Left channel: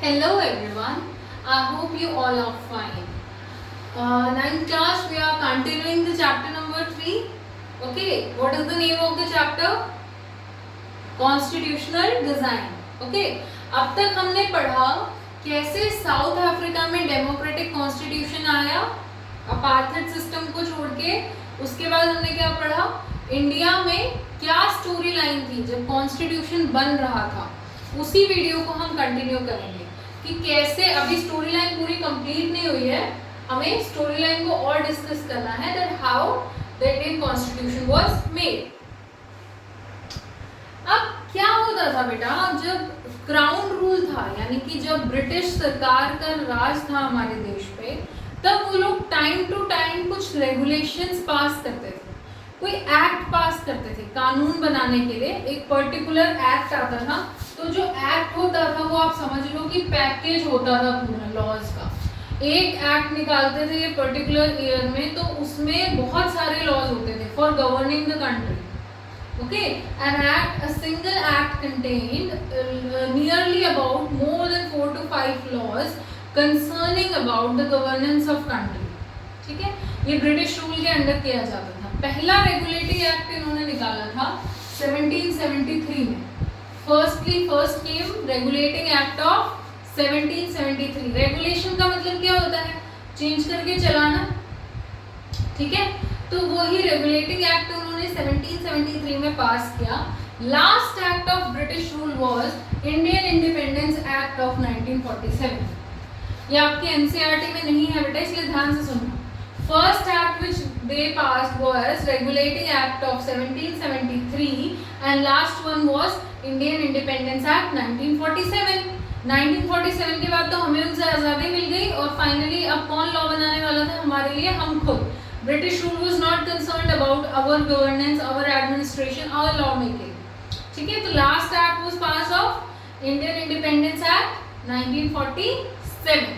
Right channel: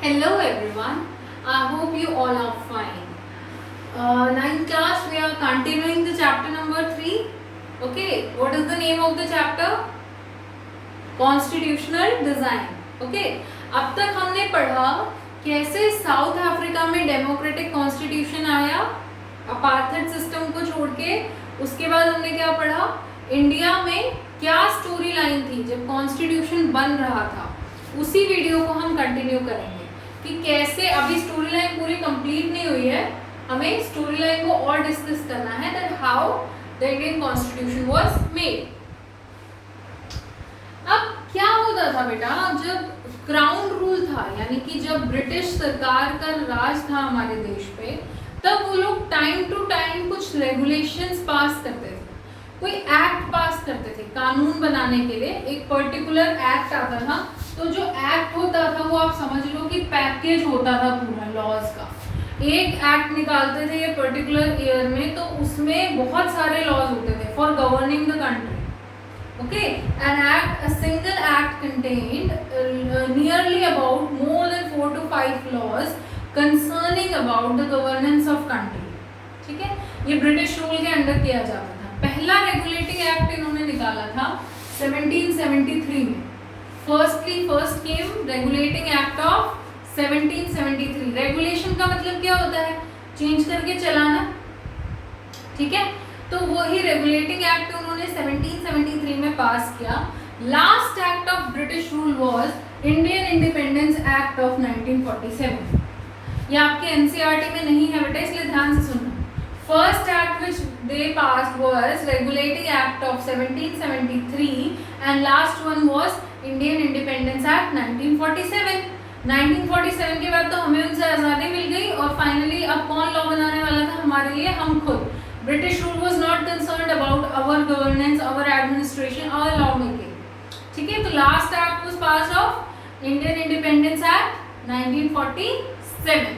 Hello everyone, I hope you all are fine. Ninth class, we are continuing the chapter number 3. Okay, what is the name of the chapter? Constitutional Design. Okay, अब तक हमने पढ़ा कैसे south Africa में democratic constitution आया apartheid system को छोड़ के। उसके बाद हमने क्या पढ़ा, इंडिया में क्या स्टोरी लाइन थी जब कॉन्स्टिट्यूशन बन रहा था। उसी वीडियो को हम कंटिन्यू करेंगे कि कैसे, अभी स्टोरी लाइन पूरी कंप्लीट नहीं हुई है, हमें स्टोरी लाइन को और डिस्कस करना है that how the Indian constitution was made. अब क्या होता था बेटा, जब क्राउन रूल था यानी कि जब ब्रिटिश सरकार का राज था हमारे देश पे, तब वो लोग टाइम टू टाइम कुछ रेगुलेशंस पास करते थे, कोई एक्ट पास करते थे कानून बनाने के लिए। एक पर्टिकुलर एक्ट आता था, तो जो एक्ट होता था वो आप समझ लो कि पैकेज होता था पूरा लॉज का। एक एक्ट निकालते थे ये पर्टिकुलर ईयर में, तो उसमें बहुत सारे लॉज होते थे for governing the country. Okay, an act, a single act contained nearly about more than 4 to 5 laws concerning about the governance of country. ठीक है, ये ब्रिटिश रूल के अंडर किया जाता था। पहला रेगुलेटिंग एक्ट इन्होंने निकाला था 1773 में। First came regulating act of 1773। Regulation का मतलब क्या होता है, चेंज करके चलाना। ठीक है, तो वही रेगुलेटिंग एक्ट उन्होंने 1773 में पास किया। Last act of British rule was Indian independence act of 1947। ये आपके एनसीईआरटी में नहीं है बेटा, इसलिए ध्यान से सुनना। First act which they passed was regulating act of 1773 and last one was Indian independence act 1947। 1947 के बाद तो हमें उनसे आज़ादी मिल गई और फाइनली अब कौन लॉ बनाने वाला था हमारे लिए, हम खुद। British rule was not concerned about our governance, our administration, our law making. ठीक है, तो last act was passed of Indian Independence Act 1947।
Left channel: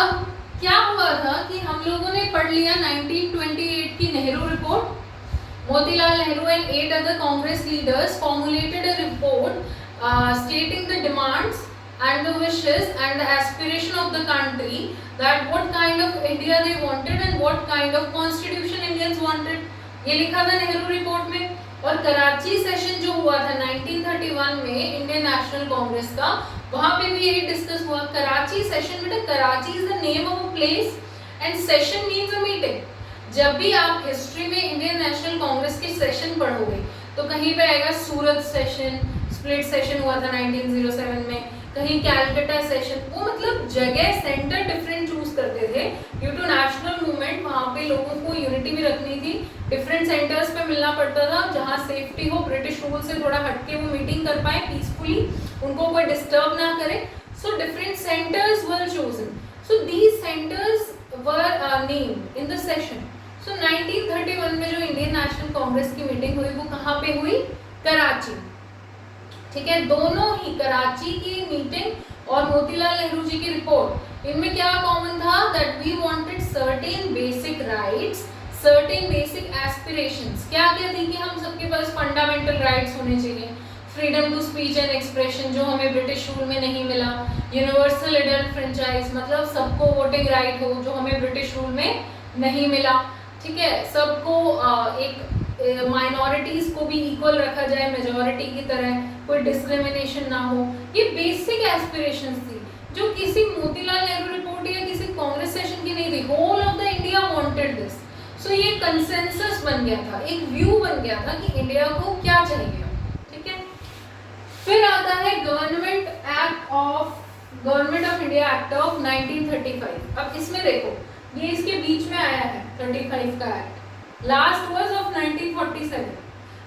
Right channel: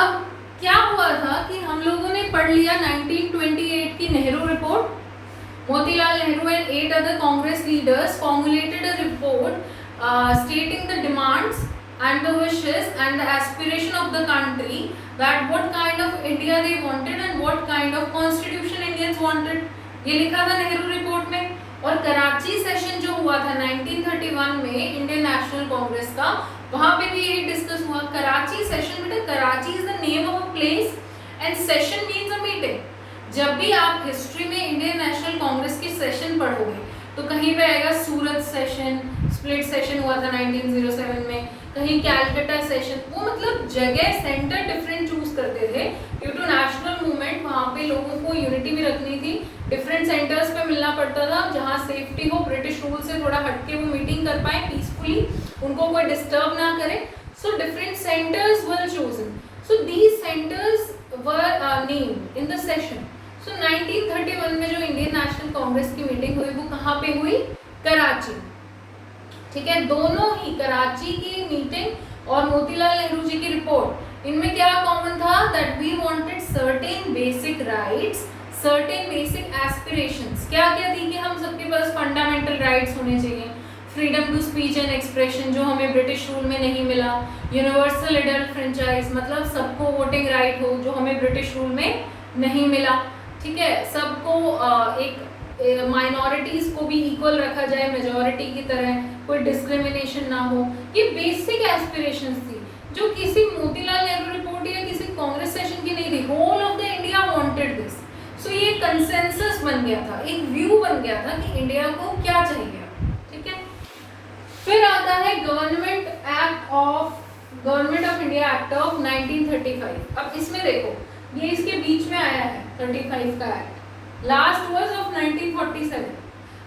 अब क्या हुआ था कि हम लोगों ने पढ़ लिया 1928 की Nehru report. Motilal Nehru and 8 other Congress leaders formulated a report stating the demands and the wishes and the aspiration of the country, that what kind of India they wanted and what kind of constitution Indians wanted। ये लिखा था Nehru report में। और Karachi session जो हुआ था 1931 में Indian national Congress का, वहां पे भी यही डिस्कस हुआ। कराची सेशन, बेटा Karachi is the name of a place and session means a meeting. जब भी आप हिस्ट्री में इंडियन नेशनल कांग्रेस के सेशन पढ़ोगे तो कहीं पे आएगा सूरत सेशन, स्प्लिट सेशन हुआ था 1907 में, कहीं कैलकाटा सेशन। वो मतलब जगह, सेंटर डिफरेंट चूज करते थे ड्यू टू नेशनल मूवमेंट। वहाँ पे लोगों को यूनिटी भी रखनी थी, डिफरेंट सेंटर्स पे मिलना पड़ता था जहाँ सेफ्टी हो, ब्रिटिश रूल से थोड़ा हटके वो मीटिंग कर पाए पीसफुली, उनको कोई डिस्टर्ब ना करे। So different centres were chosen, so these centres were named in the session. सो 1931 में जो इंडियन नेशनल कांग्रेस की मीटिंग हुई वो कहाँ पे हुई, कराची। ठीक है, दोनों ही कराची की मीटिंग और मोतीलाल नेहरू जी की रिपोर्ट, इनमें क्या कॉमन था, that we wanted certain basic rights, certain basic aspirations. क्या क्या थी कि हम सबके पास फंडामेंटल राइट्स होने चाहिए, freedom to speech and expression जो हमें ब्रिटिश रूल में नहीं मिला, यूनिवर्सल एडल्ट फ्रेंचाइज मतलब सबको वोटिंग राइट हो जो हमें ब्रिटिश रूल में नहीं मिला। ठीक है, सबको एक माइनॉरिटीज को भी इक्वल रखा जाए मेजॉरिटी की तरह, कोई डिस्क्रिमिनेशन ना हो। ये बेसिक एस्पिरेशंस थी जो किसी मोतीलाल नेहरू रिपोर्ट या किसी कांग्रेस सेशन की नहीं थी। Whole of the India wanted this. So ये कंसेंसस बन गया था, एक व्यू बन गया था कि इंडिया को क्या चाहिए। ठीक है, फिर आता है government of India act of 1935। अब इसमें देखो, ये इसके बीच में आया है 35 का एक्ट, लास्ट वाज ऑफ 1947।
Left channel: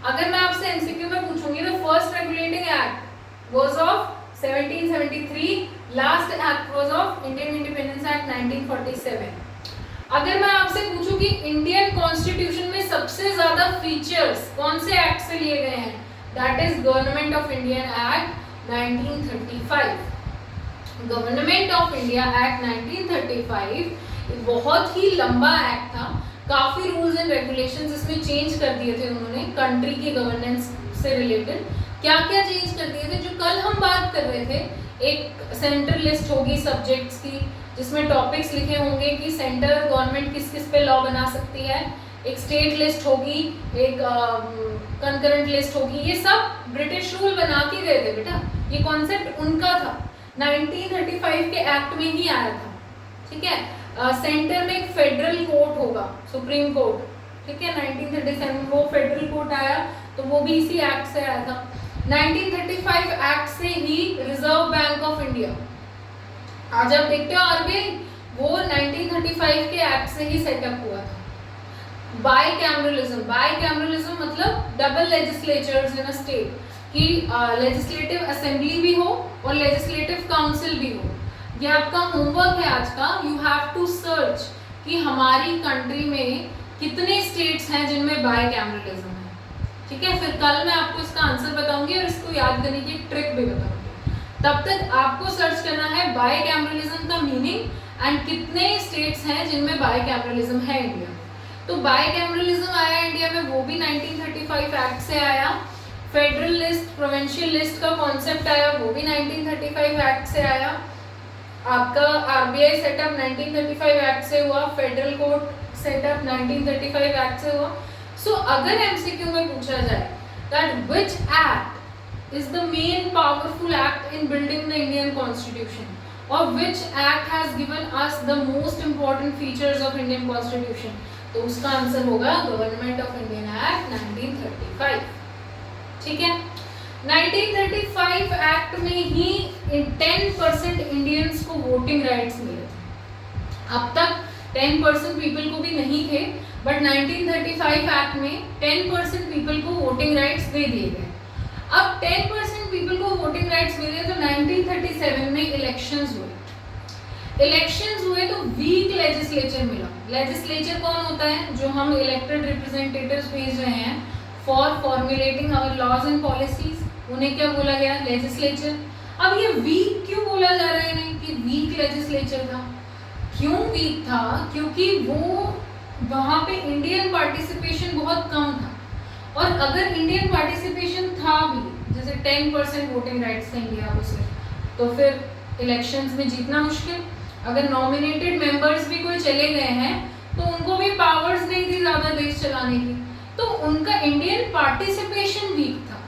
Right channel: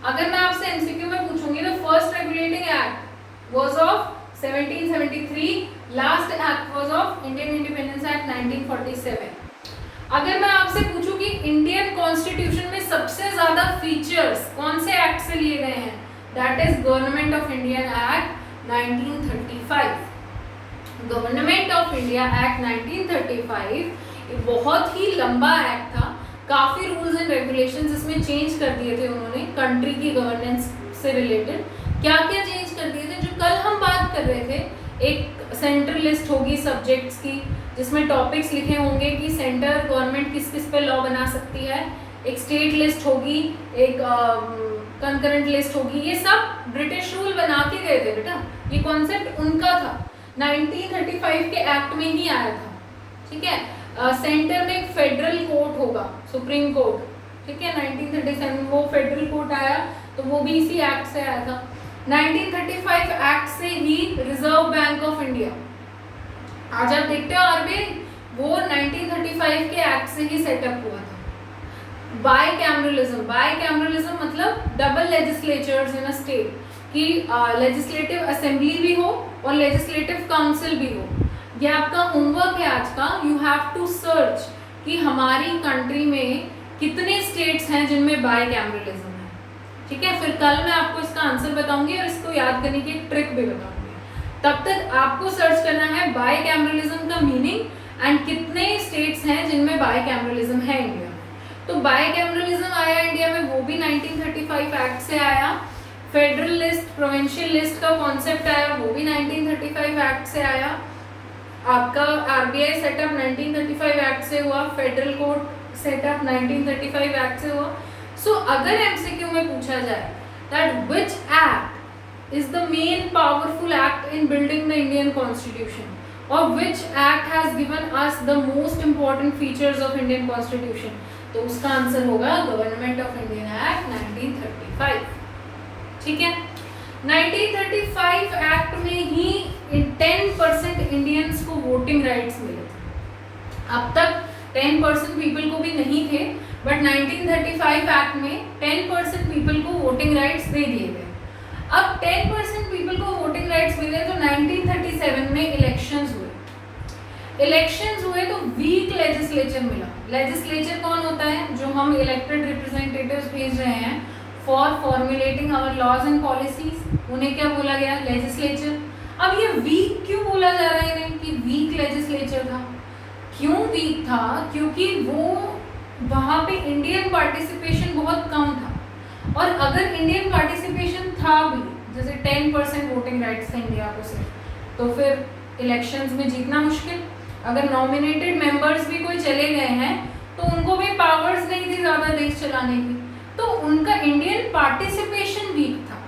अगर मैं आपसे एमसीक्यू में पूछूंगी तो first regulating act was of 1773, last act was of Indian independence act 1947। अगर मैं आपसे पूछूं कि इंडियन कॉन्स्टिट्यूशन में सबसे ज्यादा फीचर्स कौन से एक्ट से लिए गए हैं, that is government of India act 1935। Government of India act 1935 बहुत ही लंबा एक्ट था, काफी रूल्स एंड रेगुलेशंस इसमें चेंज कर दिए थे उन्होंने कंट्री की गवर्नेंस से रिलेटेड। क्या क्या चेंज कर दिए थे? जो कल हम बात कर रहे थे, एक सेंट्रल लिस्ट होगी सब्जेक्ट्स की जिसमें टॉपिक्स लिखे होंगे कि सेंटर गवर्नमेंट किस किस पे लॉ बना सकती है, एक स्टेट लिस्ट होगी, एक कंकरेंट लिस्ट होगी, ये सब ब्रिटिश रूल बना के गए थे बेटा। ये कॉन्सेप्ट उनका था, 1935 के एक्ट में ही आया था, ठीक है। सेंटर में एक फेडरल कोर्ट होगा, सुप्रीम कोर्ट, ठीक है। 1937 में वो फेडरल कोर्ट आया, तो वो भी इसी एक्ट से आया था। 1935 एक्ट से ही रिजर्व बैंक ऑफ इंडिया, आज आप देखते हो आरबीआई, वो 1935 के एक्ट से ही सेटअप हुआ था। बाईकैमरलिज्म मतलब double legislatures in a state, कि लेजिस्लेटिव असेंबली भी हो और लेजिस्लेटिव काउंसिल भी हो। ये आपका होमवर्क है आज का, यू हैव टू सर्च कि हमारी कंट्री में कितने स्टेट्स हैं जिनमें बाईकैमरलिज्म है, ठीक है। फिर कल मैं आपको इसका आंसर बताऊंगी और इसको याद करने की एक ट्रिक भी बताऊंगी। तब तक आपको सर्च करना है बाईकैमरलिज्म का मीनिंग एंड कितने स्टेट्स हैं जिनमें बाईकैमरलिज्म है इंडिया। तो बाईकैमरलिज्म आया इंडिया में, वो भी 1935 एक्ट से आया। फेडरल लिस्ट, प्रोविंशियल लिस्ट का कॉन्सेप्ट आया, वो भी 1935 एक्ट से आया। आपका आरबीआई सेटअप 1935 एक्ट से हुआ, फेडरल कोर्ट सेटअप 1935 एक्ट से हुआ। सो अगर एमसीक्यू में पूछा जाए that which act is the main powerful act in building the Indian constitution, और which act has given us the most important features of Indian constitution, तो उसका आंसर होगा गवर्नमेंट ऑफ इंडियन एक्ट 1935, ठीक है। 1935 act में ही 10% Indians को voting rights मिले थे। अब तक 10% पीपल को भी नहीं थे, बट 1935 एक्ट में 10% पीपल को वोटिंग राइट्स दे दिए गए। अब 10% पीपल को वोटिंग राइट्स मिले तो 1937 में इलेक्शंस हुए तो वीक लेजिस्लेचर मिला। लेजिस्लेचर कौन होता है? जो हम इलेक्टेड रिप्रेजेंटेटिव्स भेज रहे हैं for formulating our laws and policies, उन्हें क्या बोला गया? लेजिस्लेचर। अब ये वीक क्यों बोला जा रहा है कि वीक लेजिस्लेचर था? क्यों वीक था? क्योंकि वो वहाँ पे इंडियन पार्टिसिपेशन बहुत कम था, और अगर इंडियन पार्टिसिपेशन था भी, जैसे 10% वोटिंग राइट्स थे इंडिया को सिर्फ, तो फिर इलेक्शंस में जीतना मुश्किल। अगर नॉमिनेटेड मेंबर्स भी कोई चले गए हैं तो उनको भी पावर्स नहीं थी ज़्यादा देश चलाने की, तो उनका इंडियन पार्टिसिपेशन वीक था,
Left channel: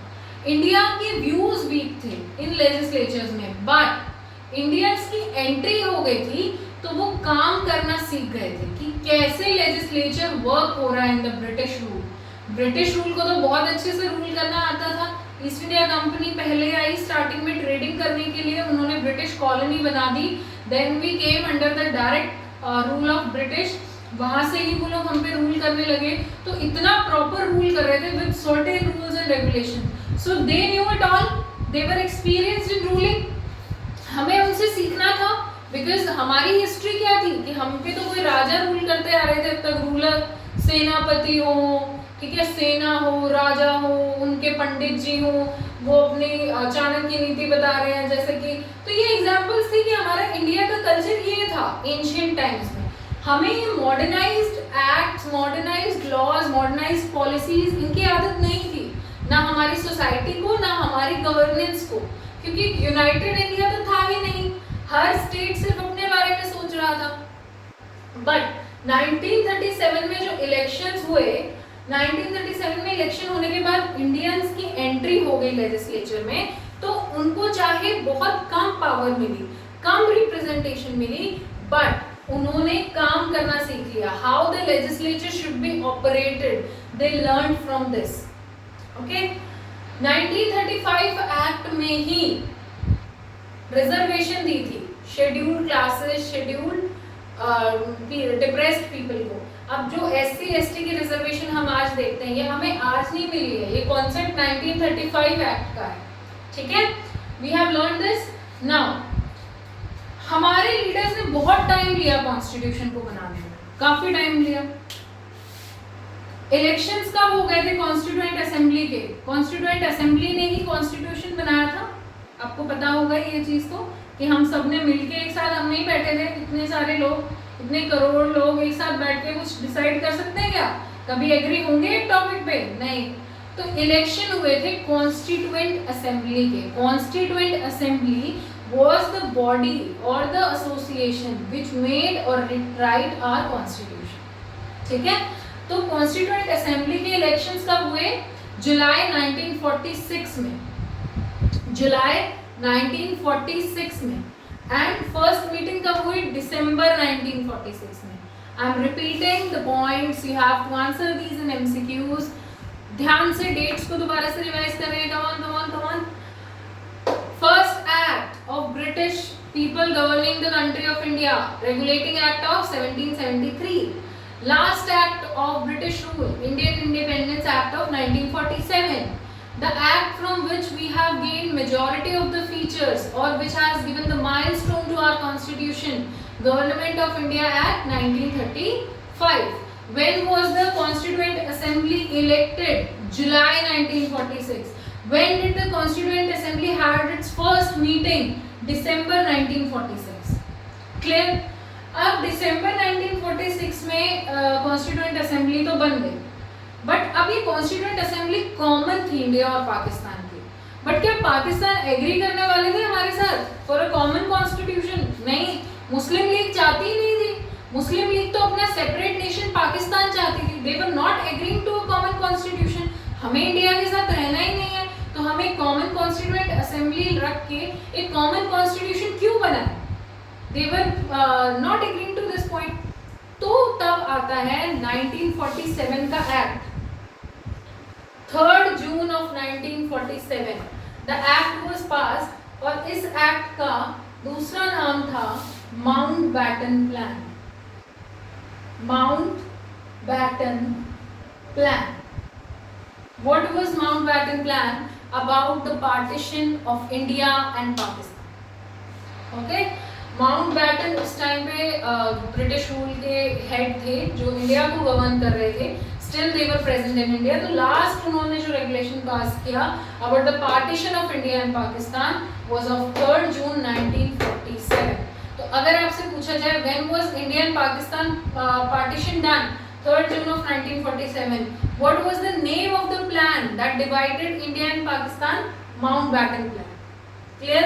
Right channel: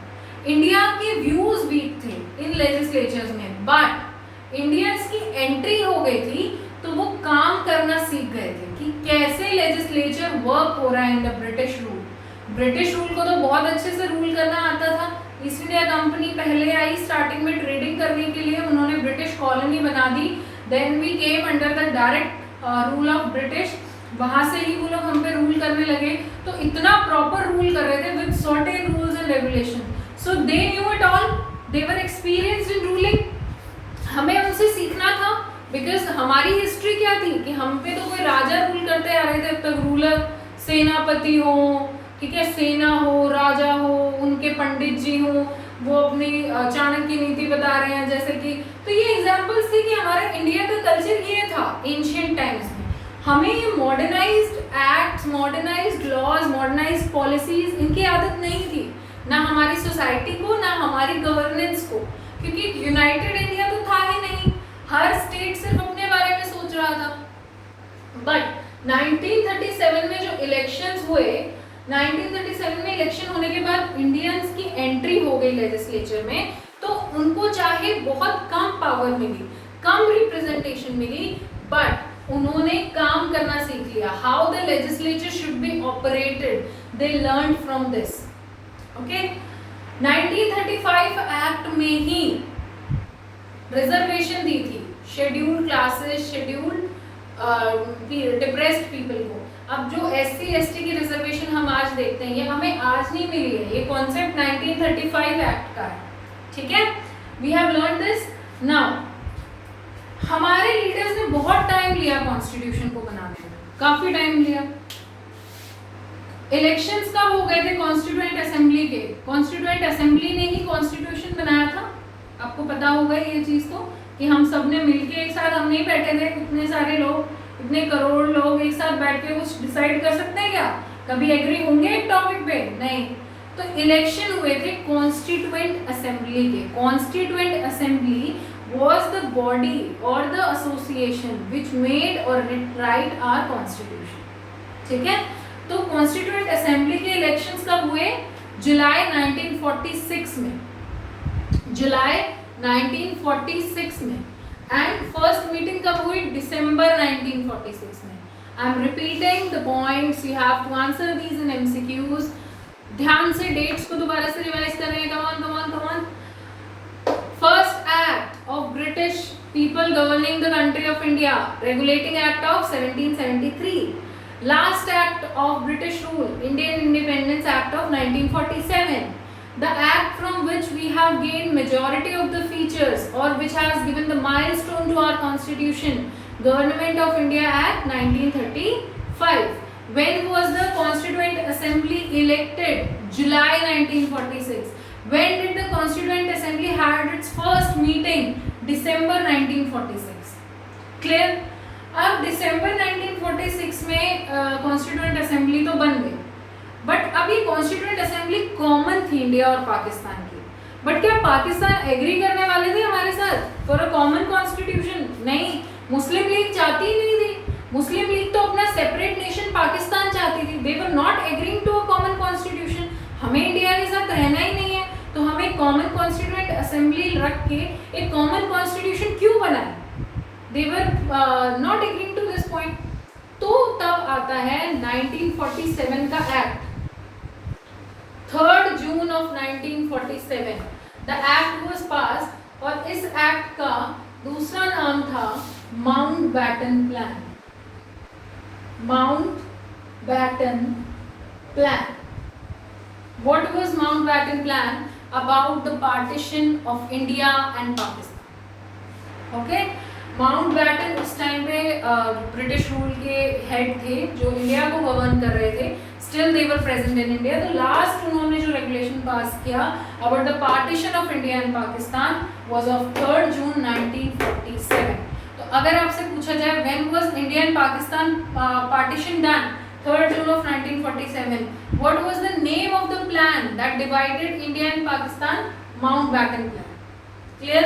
इंडिया के व्यूज वीक थे इन लेजिस्लेचर्स में। बट इंडियंस की एंट्री हो गई थी तो वो काम करना सीख गए थे कि कैसे लेजिस्लेचर वर्क हो रहा है in the British rule. British rule को तो बहुत अच्छे से रूल करना आता था। ईस्ट इंडिया कंपनी पहले आई स्टार्टिंग में ट्रेडिंग करने के लिए, उन्होंने ब्रिटिश कॉलोनी बना दी, then we came under the direct rule of British, वहां से ही वो लोग हम पे रूल करने लगे। तो इतना प्रॉपर रूल कर रहे थे with certain rules and regulation, so they knew it all, they were experienced in ruling. हमें उनसे सीखना था, बिकॉज हमारी हिस्ट्री क्या थी कि हम पे तो कोई राजा रूल करते आ रहे थे अब तक, रूलर सेनापति हो, ठीक है, सेना हो, राजा हो, उनके पंडित जी हो, वो अपनी चाणक्य नीति बता रहे हैं जैसे कि। तो ये एग्जांपल्स थी कि हमारा इंडिया का कल्चर ये था एंशिएंट टाइम्स में। हमें modernised acts, modernised laws, modernised policies, इनकी आदत नहीं थी, ना हमारी सोसाइटी को, ना हमारी गवर्नेंस को, क्योंकि यूनाइटेड इंडिया तो था ही नहीं, हर स्टेट सिर्फ अपने बारे में सोच रहा था। बट 1937 में जो इलेक्शंस हुए, 1937 में इलेक्शन होने के बाद इंडियंस की एंट्री हो गई लेजिस्लेचर में, तो उनको चाहे बहुत कम पावर मिली, कम रिप्रेजेंटेशन मिली, बट उन्होंने काम करना सीख लिया। How the legislature should be operated, they learn from this. Okay, 1935 act में ही रिजर्वेशन दी थी scheduled classes, scheduled depressed people को। अब जो SC ST की रिजर्वेशन हम आज देखते हैं, ये हमें आज नहीं मिली है, ये कॉन्सेप्ट 1935 एक्ट का है, ठीक है। We have learn this now. हमारे लीडर्स ने बहुत टाइम लिया कॉन्स्टिट्यूशन को बनाने में, काफी टाइम लिया। इलेक्शंस कब हो गए थे? कॉन्स्टिट्यूएंट असेंबली के, कॉन्स्टिट्यूएंट असेंबली ने ही कॉन्स्टिट्यूशन बनाया था। आपको पता होगा ये चीज तो, कि हम सब ने मिलके एक साथ, हम नहीं बैठे थे, इतने सारे लोग, इतने करोड़ लोग एक साथ बैठ के कुछ डिसाइड कर सकते हैं क्या? कभी एग्री होंगे एक टॉपिक पे? नहीं। तो इलेक्शन हुए थे कॉन्स्टिट्यूएंट असेंबली के। Constituent assembly was the body or the association which made or write our constitution, ठीक है। तो कॉन्स्टिट्यूएंट असेंबली के इलेक्शंस कब हुए? जुलाई 1946 में, जुलाई 1946 में। एंड फर्स्ट मीटिंग कब हुई? दिसंबर 1946 में। I am repeating the points, you have to answer these in MCQs. ध्यान से डेट्स को दोबारा से रिवाइज कर रहे हैं। Come on. First Act of British people governing the country of India, Regulating Act of 1773. Last Act of British rule, Indian Independence Act of 1947. The act from which we have gained majority of the features or which has given the milestone to our constitution, Government of India Act 1935. When was the Constituent Assembly elected? July 1946. When did the Constituent Assembly had its first meeting? December 1946. Clear? अब December 1946 में Constituent Assembly तो बन गई, but अभी Constituent Assembly common थी India और पाकिस्तान की। But क्या पाकिस्तान एग्री करने वाले थे हमारे साथ फॉर अ कॉमन कॉन्स्टिट्यूशन? नहीं, मुस्लिम लीग चाहती ही नहीं थी। मुस्लिम लीग तो अपना सेपरेट नेशन पाकिस्तान चाहती थी। They were not agreeing to a common constitution. हमें इंडिया के साथ रहना ही नहीं है, तो हमें कॉमन कॉन्स्टिट्यूएंट असेंबली रख के एक कॉमन कॉन्स्टिट्यूशन क्यों बनाए? They were not agreeing to this point. तो तब आता है 1947 का act, 3 June of 1947 the act was pass. और इस एक्ट का दूसरा नाम था Mountbatten plan. Mountbatten plan. What was Mountbatten Plan? About the partition of India and Pakistan. Okay? Mountbatten उस टाइम पे ब्रिटिश रूल के हेड थे जो इंडिया को गवर्न कर रहे थे। Still they were present in India. तो लास्ट उन्होंने जो रेगुलेशन पास किया about the partition of India and Pakistan was of 3 जून 1947। तो अगर आपसे पूछा जाए when was India and Pakistan partition done? 3 June of 1947. What was the name of the plan that divided India and Pakistan? Mountbatten Plan. Clear?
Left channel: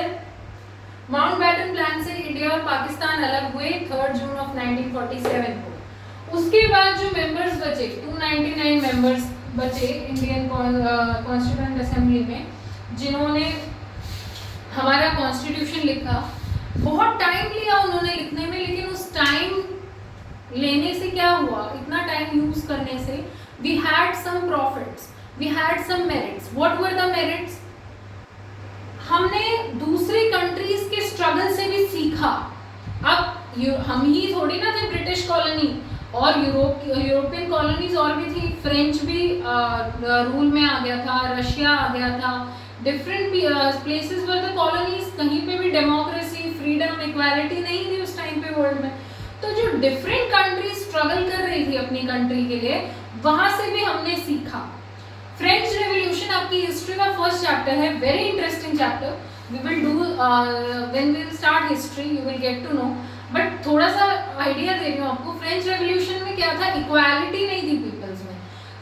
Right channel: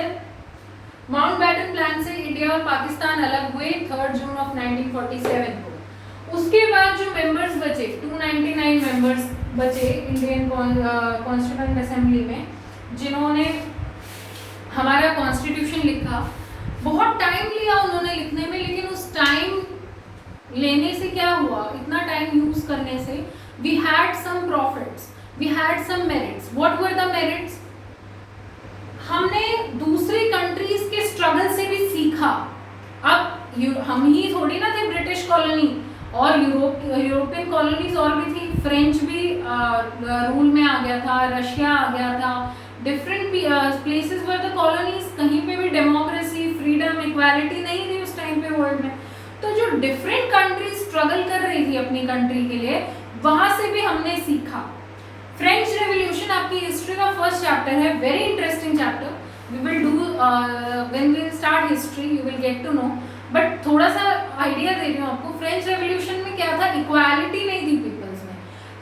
Mountbatten Plan से India और पाकिस्तान अलग हुए 3 जून of 1947 को। उसके बाद जो मेंबर्स बचे 299 मेंबर्स बचे इंडियन कॉन्स्टिट्यूएंट असेंबली में, जिन्होंने हमारा कॉन्स्टिट्यूशन लिखा। बहुत टाइम लिया उन्होंने लिखने में, लेकिन उस टाइम लेने से क्या हुआ? इतना टाइम यूज करने से we had some profits, we had some merits. What were the merits? हमने दूसरी कंट्रीज के स्ट्रगल से भी सीखा। अब हम ही थोड़ी ना थे ब्रिटिश कॉलोनी, और यूरोपियन कॉलोनीज और भी थी। फ्रेंच भी रूल में आ गया था, रशिया आ गया था, different places were the colonies. कहीं पे भी डेमोक्रेसी, फ्रीडम, इक्वालिटी नहीं थी उस टाइम पे वर्ल्ड में। तो जो डिफरेंट कंट्रीज स्ट्रगल कर रही थी अपनी कंट्री के लिए, वहां से भी हमने सीखा। फ्रेंच रेवोल्यूशन आपकी हिस्ट्री का फर्स्ट चैप्टर है, very interesting chapter. We will do when we will start history, you will get to know. But थोड़ा सा आइडिया दे रही हूँ आपको। फ्रेंच रेवोल्यूशन में क्या था? इक्वालिटी नहीं थी पीपल्स में।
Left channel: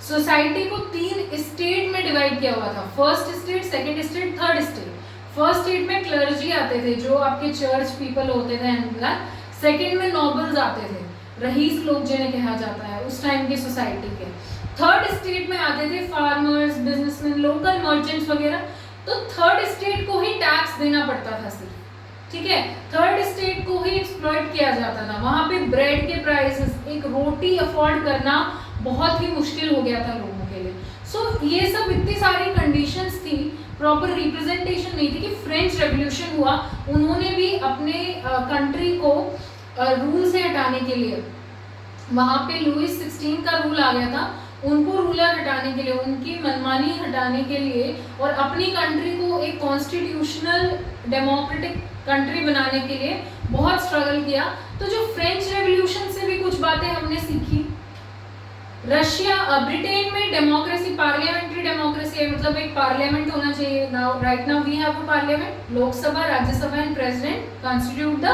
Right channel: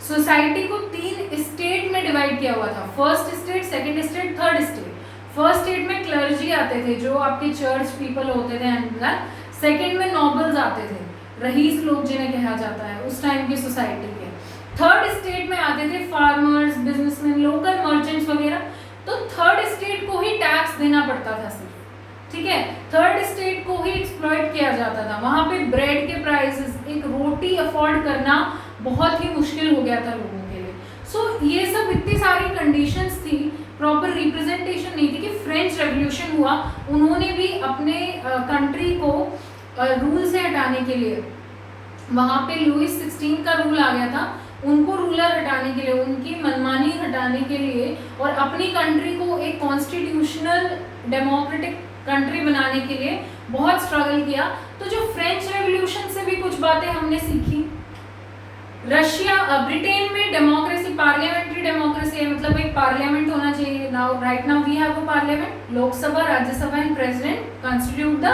सोसाइटी को 3 स्टेट में डिवाइड किया हुआ था, first state, second state, third state. First state में क्लर्जी आते थे जो आपके चर्च पीपल होते थे। सेकेंड में नोबल्स आते थे, रईस लोग जिन्हें कहा जाता है उस टाइम की सोसाइटी के। थर्ड स्टेट में आते थे फार्मर्स, बिजनेसमैन, लोकल मर्चेंट्स वगैरह। तो थर्ड स्टेट को ही टैक्स देना पड़ता था सिर्फ, ठीक है। थर्ड स्टेट को ही एक्सप्लॉइट किया जाता था। वहां पे ब्रेड के प्राइसेस, एक रोटी अफोर्ड करना बहुत ही मुश्किल हो गया था लोगों के लिए। सो ये सब इतनी सारी कंडीशंस थी, प्रॉपर रिप्रेजेंटेशन नहीं थी कि फ्रेंच रेवोल्यूशन हुआ। उन्होंने भी अपने कंट्री को रूल से हटाने के लिए, वहाँ पे लुइस 16 का रूल आ गया था, उनको रूलर हटाने के लिए, उनकी मनमानी हटाने के लिए और अपनी कंट्री को एक कॉन्स्टिट्यूशनल डेमोक्रेटिक कंट्री बनाने के लिए बहुत स्ट्रगल किया। तो जो फ्रेंच रेवोल्यूशन से भी कुछ बातें हमने सीखी। रशिया, ब्रिटेन में डेमोक्रेसी, पार्लियामेंट्री डेमोक्रेसी है, मतलब एक पार्लियामेंट होना चाहिए। Now right now we have a parliament, Lok Sabha, Rajya Sabha and president constitute the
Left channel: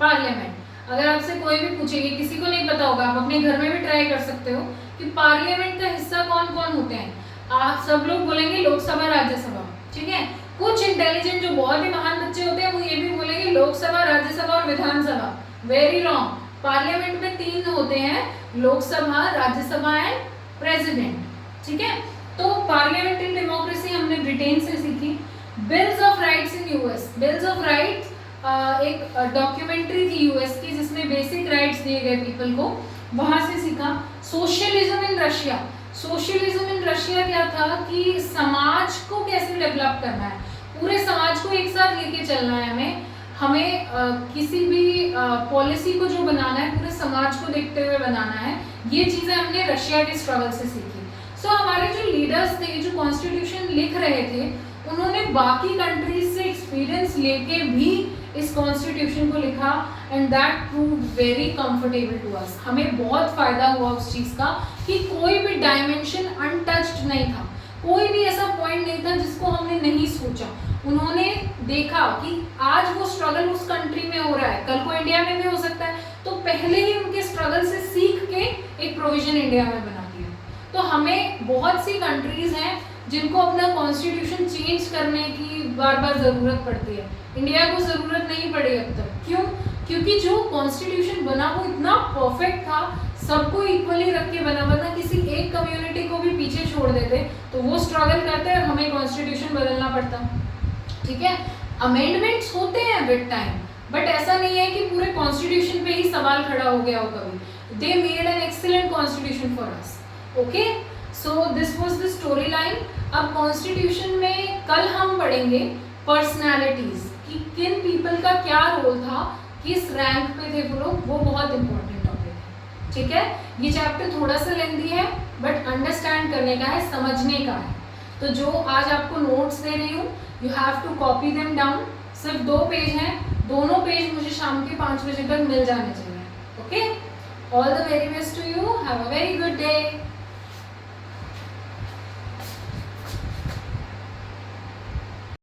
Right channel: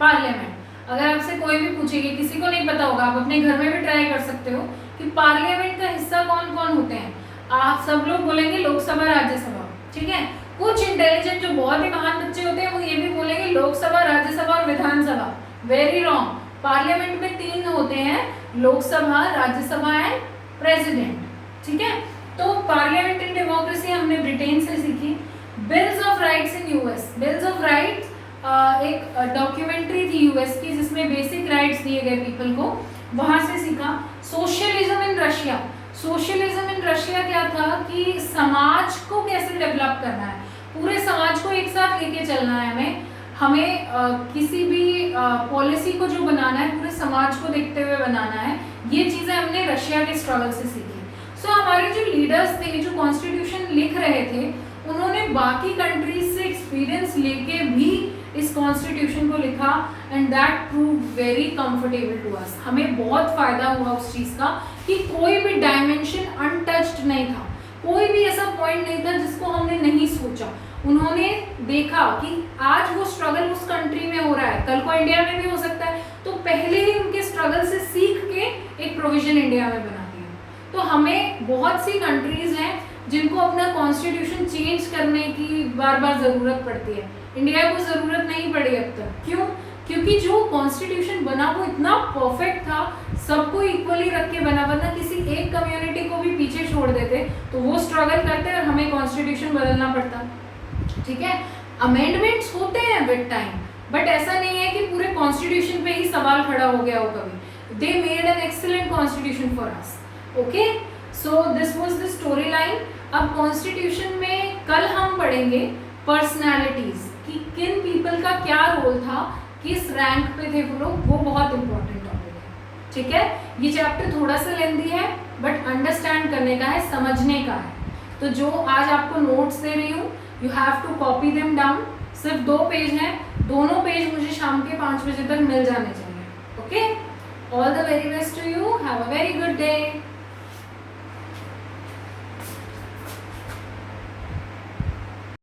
parliament. अगर आपसे कोई भी पूछेगी, किसी को नहीं पता होगा, आप अपने घर में भी ट्राई कर सकते हो कि पार्लियामेंट का हिस्सा कौन कौन होते हैं। आप सब लोग बोलेंगे लोकसभा राज्यसभा, ठीक है। कुछ इंटेलिजेंट जो बहुत ही महान बच्चे होते हैं वो ये भी बोलेंगे लोकसभा राज्यसभा और विधानसभा। Very wrong. पार्लियामेंट में 3 होते हैं, लोकसभा, राज्यसभा एंड प्रेसिडेंट, ठीक है। तो पार्लियामेंट्री डेमोक्रेसी हमने ब्रिटेन से सीखी। Bills of rights in US, bills of rights एक डॉक्यूमेंट्री थी यूएस की जिसमें बेसिक राइट्स दिए गए पीपल को, वहां से सीखा। Socialism in Russia, socialism in Russia क्या था कि समाज को कैसे डेवलप करना है, पूरे समाज को एक साथ लेके चलना है हमें किसी भी पॉलिसी को जो बनाना है पूरे समाज को देखते हुए बनाना है। ये चीज़ें हमने रशिया के स्ट्रगल से सीखी। सो हमारे जो लीडर्स थे जो कॉन्स्टिट्यूशन लिख रहे थे उन्होंने बाकी कंट्रीज से एक्सपीरियंस लेके भी इस कॉन्स्टिट्यूशन को लिखा and that prove very comfortable to us. हमें बहुत फायदा हुआ उस चीज़ का कि कोई भी डायमेंशन अनटच्ड नहीं था, कोई भी ऐसा पॉइंट नहीं था जिसको हमने नहीं सोचा। उन्होंने देखा कि आज वो स्ट्रगल उस कंट्री में हो रहा है, कल को इंडिया में भी हो सकता है, तो पहले ही उनके स्ट्रगल से सीख के एक प्रोविजन इंडिया में बना दिया। तो हमें बहुत सी कंट्रीज हैं जिनको अपना कॉन्स्टिट्यूशन चेंज करने की बार बार ज़रूरत पड़ती है, इंडिया को ज़रूरत नहीं पड़ी अब तक। क्यों? क्योंकि जो कॉन्स्टिट्यूशन बना वो इतना परफेक्ट था, सबको इक्वली रख के बना, वरना किसी एक कम्युनिटी को भी पीछे छोड़ देते तो वो स्ट्रगल करते और हमें कॉन्स्टिट्यूशन बदलना पड़ता, ठीक है। अमेंडमेंट्स होते हैं विद टाइम, बट ऐसा नहीं है कि पूरे कॉन्स्टिट्यूशन पे ही सवाल खड़ा हो गया हो कभी। They made an excellent constitution for us, okay. So this was the story line. अब कॉन्स्टिट्यूशन में कल हम पढ़ेंगे पर्सनैलिटीज कि किन पीपल का क्या रोल था, किस रैंक पे थे वो लोग, वो बहुत इंपॉर्टेंट टॉपिक है, ठीक है। ये चैप्टर थोड़ा सा लेंदी है बट अंडरस्टैंड करने का है, समझने का है। तो जो आज आपको नोट्स दे रही हूँ you have to copy them down. सिर्फ 2 पेज हैं, दोनों पेज मुझे शाम के 5 बजे तक मिल जाने चाहिए, okay. All the very best to you, have a very good day.